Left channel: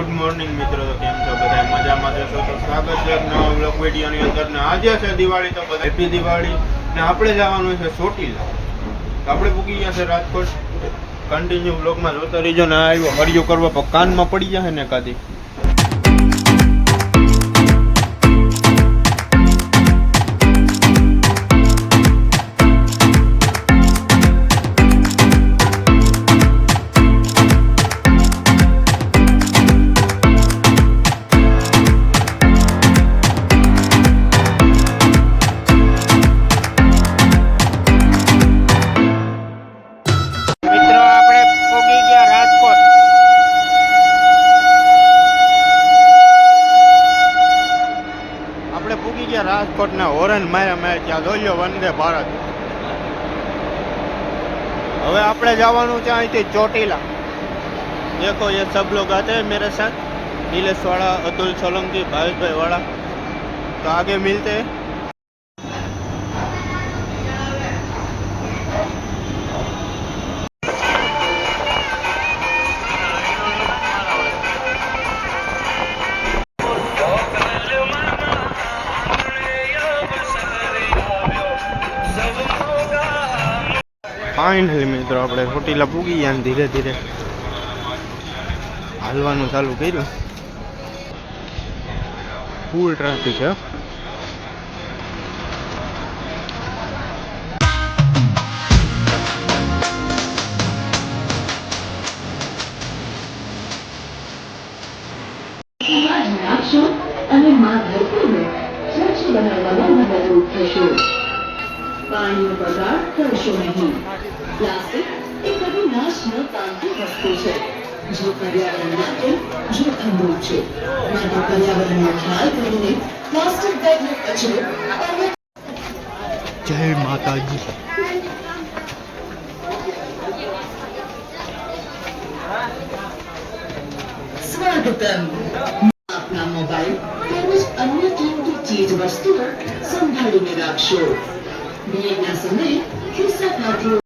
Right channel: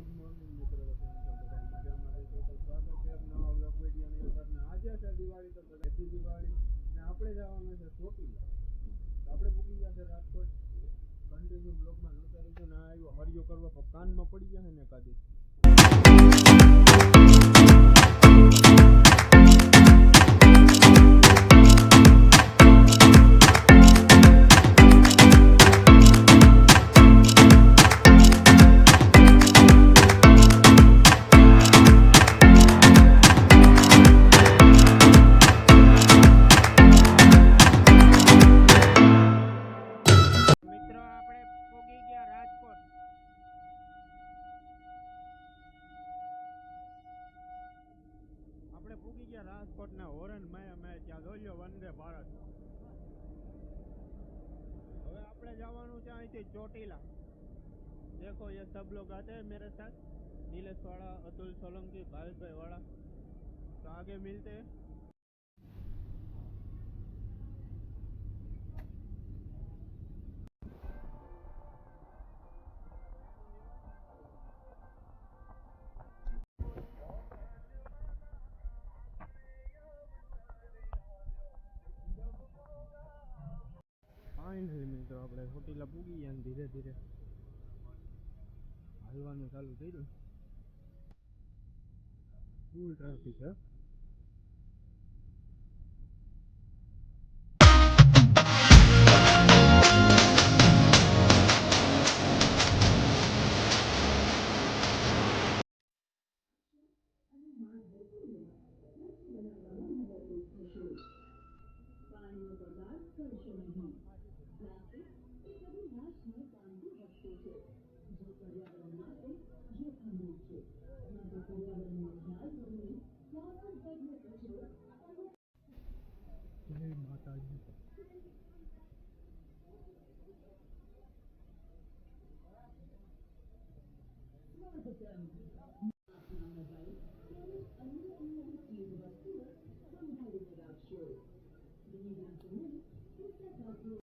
Good morning મિત્રો, તો કેમ છો બધા? મજામાં જશો તો સ્વાગત છે નવા બ્લોગ વિડીયોની અંદર. ને આજે છે દિવાળી, તો બધા હેપી દિવાળી. ને આપણે જવાનું છે ચોટીલા. આપણે પૂકી ગયા છે રાજકોટ. કન્ટિન્યુ બ્લોગમાં જોતા રહીજો. ને આવ્યો હરિયો કરવા પણ કાનમાં પડી જશે ને કાદી. રાજકોट ना હોરન માર્યા ત્યાં જોયો વંદે ભારત. હવે આપણે જવાનું છે અહીંથી ચોટીલા. देखो ये सब लोग आते हैं मेरे साथ, नीलेश वाला, अतुल सोलंकी, भावेश भाई वाला. तो आगे मिलते हैं. ફાઇનલી મિત્રો આપણે ચોટીલા પૂગી ગયા ને ધીરે ધીરે હાલવાનું ચાલુ કર્યું. ફૂલ ટ્રાફિક છે. પાણીનો બગાડ કરશો નહીં. પ્લાસ્ટિક એ કદી નાશ ન પામતી વસ્તુ છે, જે પર્યાવરણ માટે જોખમરૂપ છે. માટે પર્યાવરણનો ખ્યાલ કરીને પ્લાસ્ટિક બેગનો કચરો. જય માતાજી. સ્વાગતમ. આપના મોબાઈલ તેમજ અન્ય કિંમતી ચીજ વસ્તુઓ સંભાળીને રાખશો. ભીડના સમયે ખિસ્સા ખાતરો